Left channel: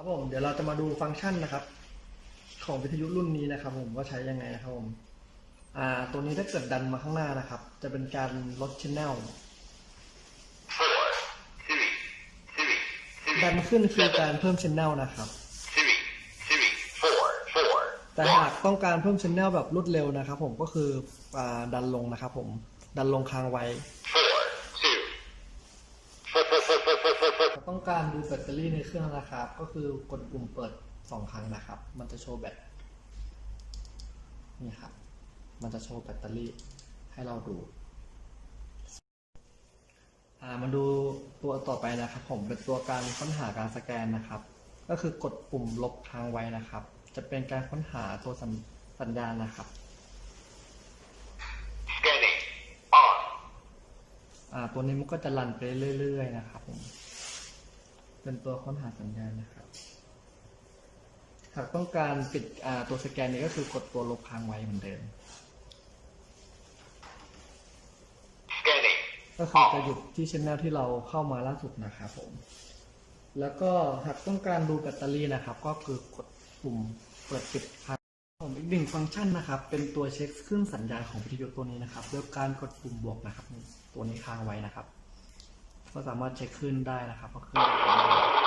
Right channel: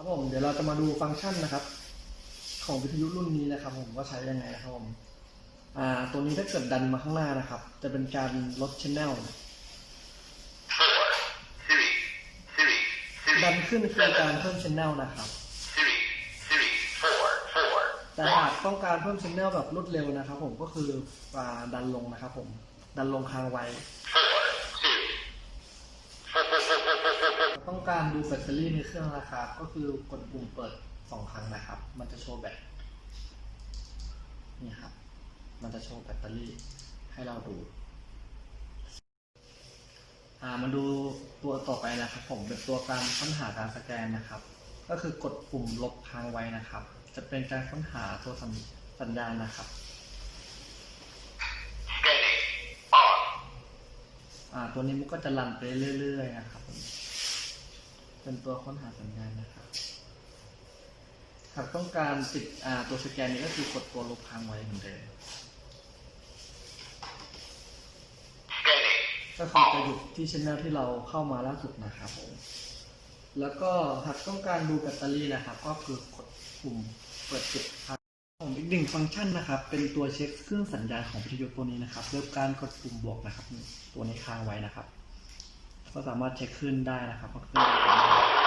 ครับผมเดี๋ยวเราจะมาดูฟังก์ชันนะครับ ของวิทยุรุ่นนี้นะครับ ผมว่าใช้ยังไงนะครับผมอ่าตัวนี้ถ้าเกิดดันมาข้างหน้านะครับ จะเป็นการลดชแนล four, three, three, three, ดันขึ้นคือการเพิ่มชแนลนะครับ three, three, four, four, แต่หากต้องการเพิ่มชแนลแบบรวดเร็วนะครับ ผมก็คืออ่าดันลงนะครับ ผมดันลงค้างไว้ ต้องการดูแบตเตอรี่ในเครื่องนะครับ ก็คือกดปุ่มเปิดสองครั้งนะครับ มันจะโชว์แบตนี่ครับ มันจะโชว์แบตเตอรี่ให้เราดูอ่ามาดูตัวต่อไปนะครับ ผมเป็นตัวการค้นหาการสแกนนะครับ ก็คือกดปุ่มลบค้างไว้นะครับ จะเป็นการค้นหาตัวสัญสัญญาณนะครับ Scanning. On. อ่าตัวนี้มันก็จะรันไปเรื่อยๆนะครับผม เป็นตัวค้นหาสัญญาณนะครับ หากต้องการปิดอ่าตัวสแกนนี้ก็คือกดตัวลบค้างไว้เหมือนเดิม Scanning. ก็คือจะหยุดที่ช anel ที่เราเข้ามาล่าสุดนะครับผม แล้วก็หากต้องการดูแบตเตอรี่นะครับ ก็คือกดปุ่มเปิดปิดครับผมอีกหนึ่งฟังก์ชันนะครับ เป็นตัวเช็คเครื่องสัญญาณของวิทยุตัวนี้นะครับด้วยการกดปุ่มบวกนะครับ ตัวนี้ค้างไว้นะครับ ก็สามารถเช็คขึ้นได้นะครับว่าขึ้น